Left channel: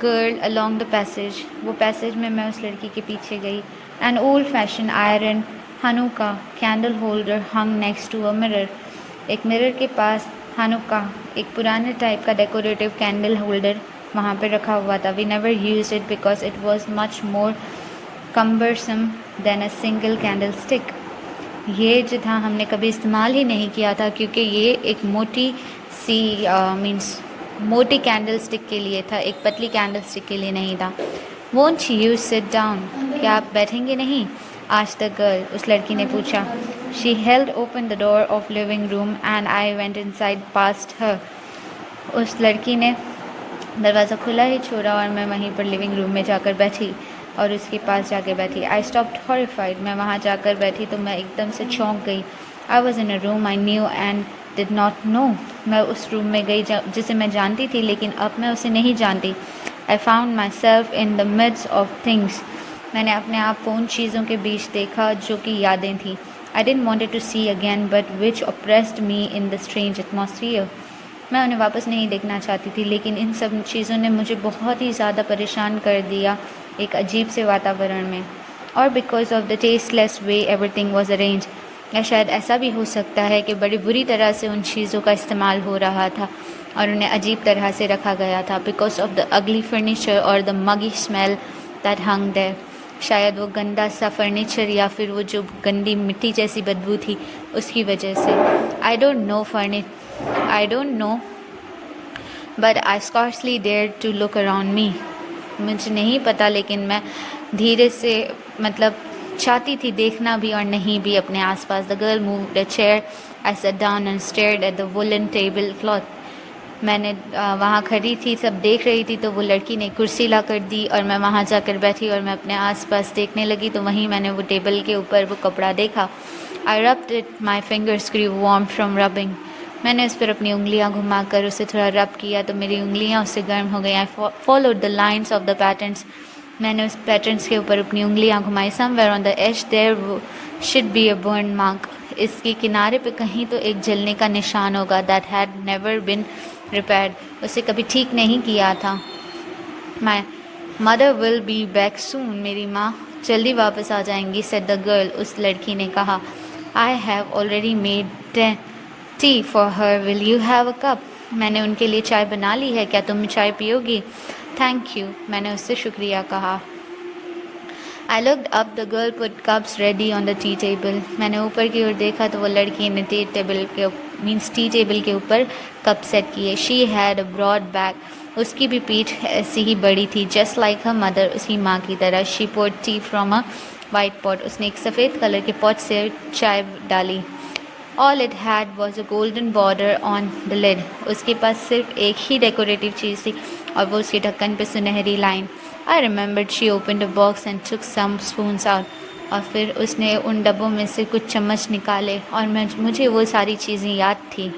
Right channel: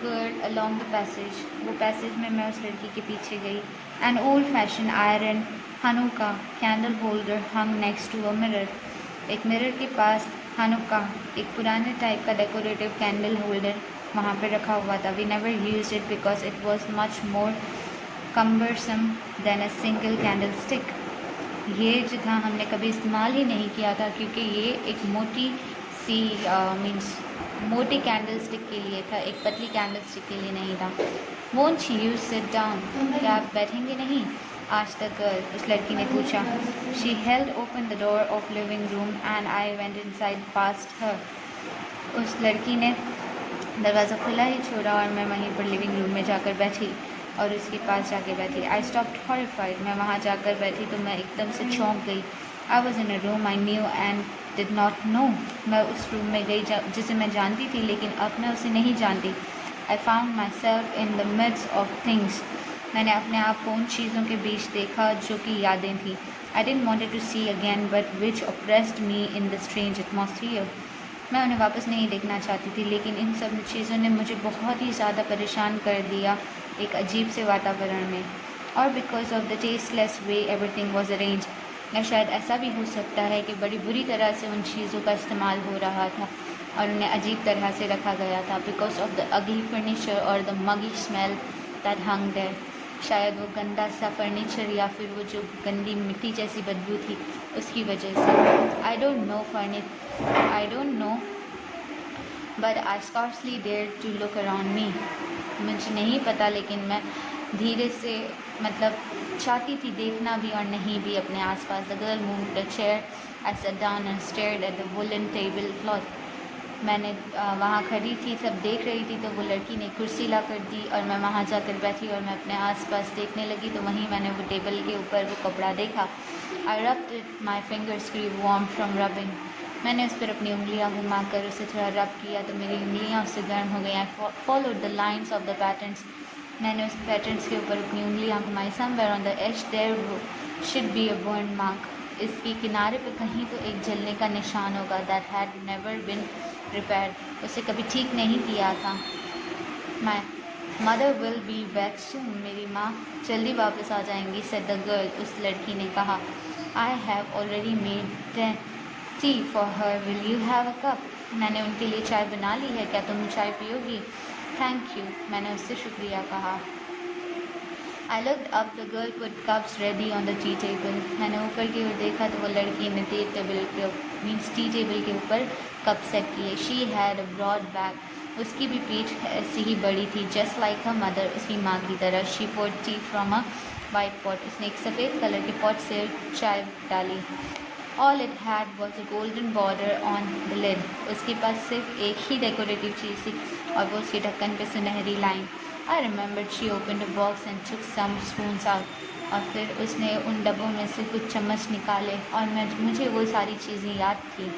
Girl along the passage. वो passage में मैं उस लड़की के पीछे गई। An old fashion iron Hanukkah candle holder hung next to a mirror. एक मिरर के पास हनुका एक पुराने टाइप का डेकोरेटिव कैंडल होल्डर वहाँ पर रखा हुआ था। We never use it because it was much more cumbersome than a single candlestick. ये जो था हमने कभी इस्तेमाल ही नहीं किया था क्योंकि ये एक मोटी सी मीन्स मोटी कैंडल स्टिक के लिए था, एक पतली कैंडल स्टिक के लिए नहीं था। वोंट यू सिट डाउन, क्या आप बैठेंगे नहीं? आज द गर्ल, उस लड़की ने पूछा। She held open the door of living room and I went inside past her. उस लड़की ने दरवाज़ा खुला ही छोड़ा और मैं वहीं पर लिविंग रूम में जाकर बैठी और उसके पास जाके बैठी। आई स्टॉप्ड हॉरिफाइड, मैं वहाँ जाकर बैठी तो मैं एकदम से चौंक गई। I was in a room I knew and did not know. मैं उस रूम में गई जिसे मैं जानती थी लेकिन अब मैं उसे नहीं जानती। I found myself in the midst of things. मैंने अपने आप को उन चीज़ों के बीच देखा जो कि यादें थी। I didn't wanted to see again but which oppressed me in the strange atmosphere. मैं उन्हें वापस नहीं देखना चाहती थी लेकिन इन सब चीज़ों ने मुझे बहुत ही ज़्यादा परेशान कर दिया एक अजीब से वातावरण में। और because of the tasteless way everything was arrange, या शायद ऐसा भी हो सकता है कि बड़ी बुरी तरह से उन चीज़ों का इस्तेमाल हो रहा था और उन्हें अजीब तरह से रखा गया था। Because of the ugly furniture और the muggy smell that hung there. शायद वो गंदा सा फर्नीचर या फिर वो जो गंदी मिट्टी जैसी बदबू थी उसकी वजह से। I don't know but I scarcely dare to look around me. मुझे नहीं पता लेकिन मैं धीरे से चाहती थी देखना भी और नहीं भी अपने आसपास। The girl moved a chair. I sat down and stared at the woollen table cloth. मैंने वहाँ खड़ी थी, सब देख रही थी, तो वो लड़की ने कुर्सी ला कर दी और मैं वहाँ जाकर बैठी और मैं अपने आसपास देखने लगी तो वहीं मैंने वो टेबल के ऊपर वो कपड़ा देखा। I rubbed it, my fingers grew warm from rubbing. मैंने उस पर अपनी उंगलियां घुमाकर उसे थोड़ा रब किया तो मेरी उंगलियां उससे गर्म हो गई। I followed the lines of the patterns. मैंने उस पैटर्न्स के ऊपर अपनी उंगलियां घुमाई। Somewhere on the edge there should be a burn mark. इसके किनारे पे कहीं तो एक जलने का निशान होगा। That had never been repaired, उसे कभी ठीक नहीं किया था। My mother will be back soon, मेरी माँ जल्दी वापस आ जाएंगी, सेड द गर्ल, उस लड़की ने कहा। I have already made tea for her, will you have a cup? मैंने उनके लिए चाय बना ली है, क्या तुम चाय पियोगी? थैंक यू, मैंने उससे शुक्रिया कहा। I looked up, the girl put cups ready on the tea table. मैंने ऊपर की ओर देखा तो वो लड़की ने टी टेबल के ऊपर कप सेट किए। She had a broad back, उसकी भी पीठ ऐसी ही बड़ी थी, जस्ट लाइक हर मदर, उसकी माँ की तरह। She poured tea from a white pot, उसने एक सफ़ेद कलर के पॉट से चाय डाली। All it had was a golden border on the lid, उसके पास सिर्फ एक ही डेकोरेटिव चीज़ थी और वो उसके ढक्कन पे सुनहरी line. I remembered she opened a box and took some spoons out, और फिर उसने उन डब्बों में से कुछ चम्मच निकाले और मुझे वो सारी चीज़ें याद थी।